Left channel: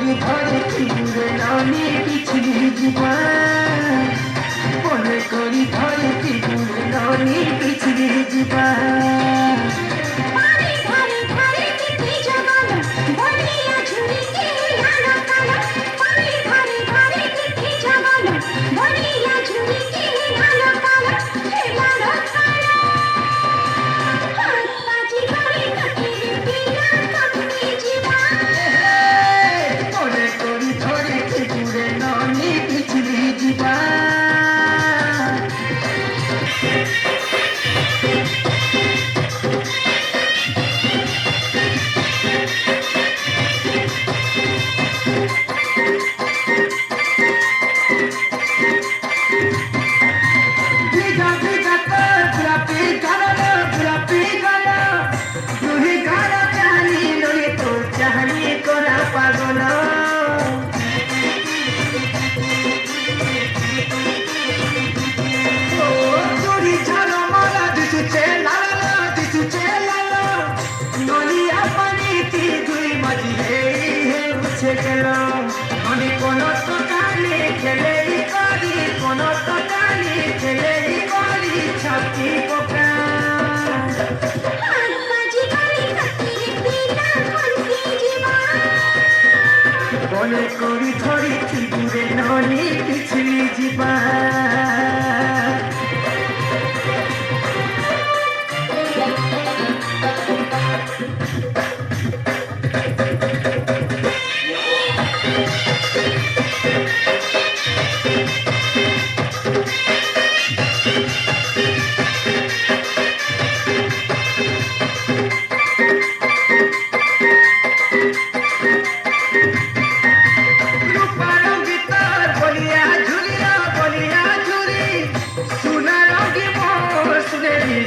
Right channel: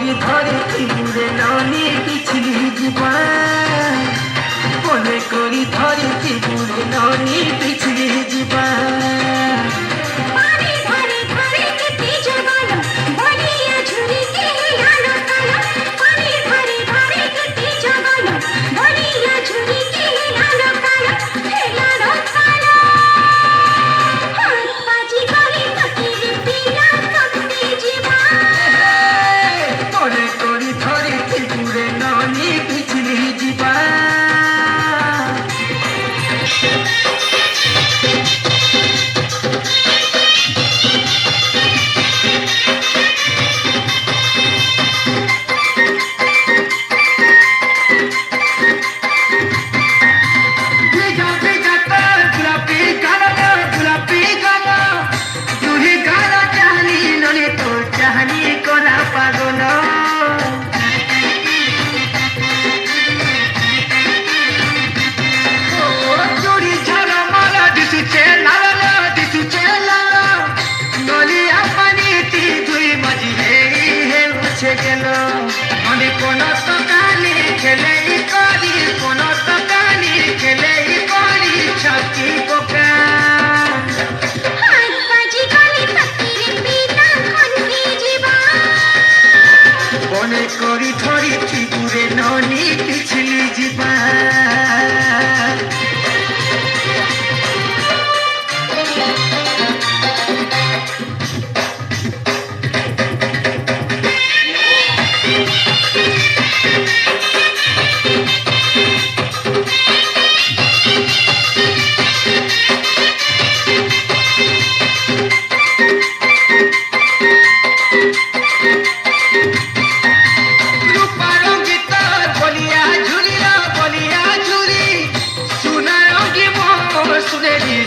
করি ধরে চিগুড়ে ননি পিছলি জীবা মনে করি ধরে চিগুড়ে ননি পিছলি জীবা কোনো তো কালি খেলেই করি কোনো তো কালি খেলেই করি ছকি পোকা মনে করি ধরি চিগুরে ননি পিছলি ଯିବା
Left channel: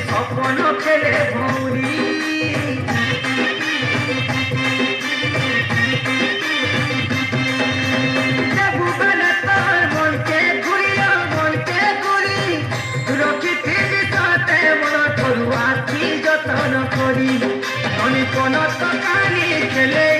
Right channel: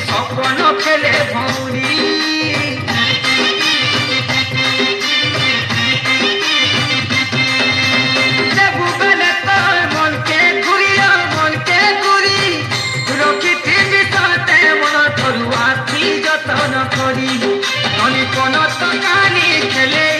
স্বপ্ন খেলে ভৌরি দেবুবেলে তোর মনকে ঘুরিয়া মনকে ঘুরি রখিথিবি ততে মন তরু আখি যতন করি মনে কোন তো কালি খেলে